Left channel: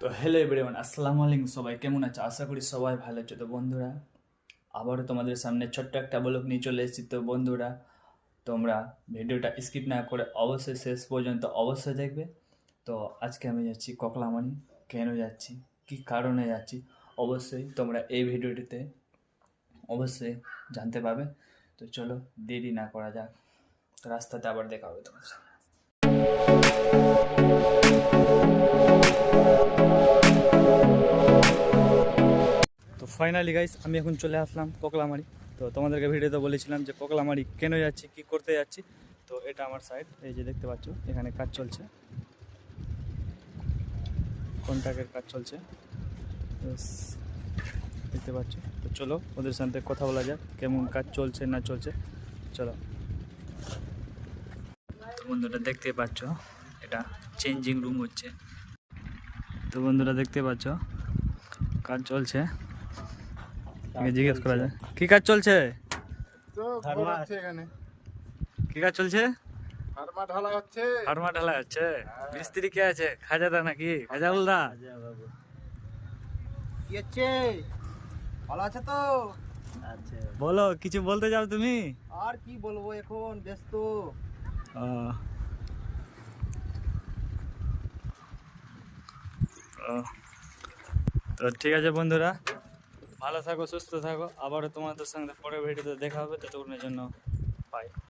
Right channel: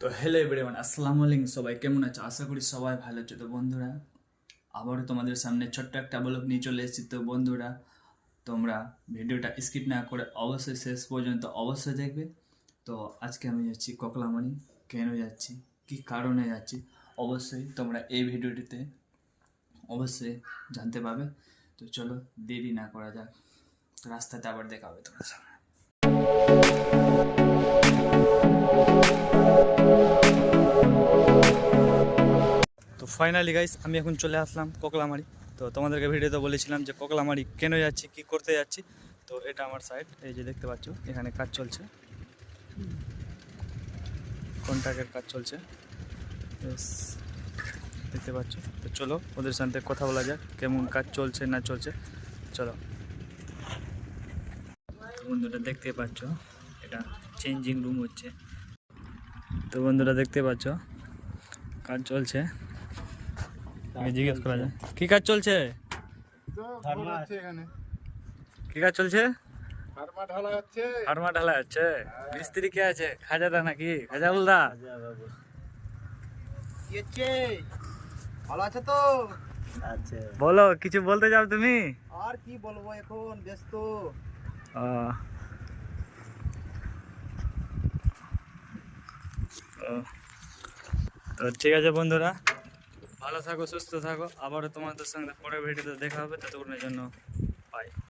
তো hello everyone, আসসালামু আলাইকুম। সবাই কেমন আছে? আশা করি সবাই ভালো আছে। তো বন্ধুরা, আবারও তোমাদের সামনে ছোট্ট একটা ব্লগ নিয়ে চলে এসেছি। তো বন্ধুরা, তোমরা ভিডিওটা স্কিপ না করে অবশ্যই শেষ পর্যন্ত অবশ্যই দেখবে। তো আজকে আমি যাচ্ছি ককলামারি। কেন যাচ্ছি, কী কারণে যাচ্ছি, অবশ্যই তোমরা এই ভিডিওটিতে অবশ্যই জানতে পারবে। তো চলো দেরি না করা যাক, তো রাস্তাতে আবার দেখা হবে তোমার সাথে। তো ফাইনালি গাইস, আমি এখন চলে আসলাম ককলামারি। তো তোমাদেরকে ভিডিওতে বলেছিলাম যে ককলামারি কেন যাচ্ছি, কি করতে যাচ্ছি। তো এটা আমার সাইড, এই যে দেখতে পাচ্ছ এখানে কাজ চলছে, কন্ট্রাক্টের কাজ চলছে। Yes, দেখতে পাচ্ছ। তো চলো ওদের সাথে কথা বলা যাক, কেমন কাজ চলছে না চলছে। চলো। তো বন্ধুরা দেখতে পাচ্ছ, এটা চেঞ্জিং রুম হচ্ছে। তো বন্ধুরা দেখতে পাচ্ছ কাজ চলছে। জিজ্ঞেস করা যায় কি কাজ চলছে, কি কাজ চলছে? ফার্মা ঢালা হচ্ছে। মিস্ত্রি কে আছে? খাজাদা নাকি খাজাউল দা? ভালো আছে তো? বলো, কিছু বলতে যাও তুমি? আর কি বলবো, এখন ব্যস্ত। আহ, ও, তো ঠিক আছে বন্ধুরা, ভালো থাকো, সুস্থ থাকো। আবারও তোমাদের সঙ্গে পরের ভিডিওতে দেখা হবে। ততক্ষণের জন্য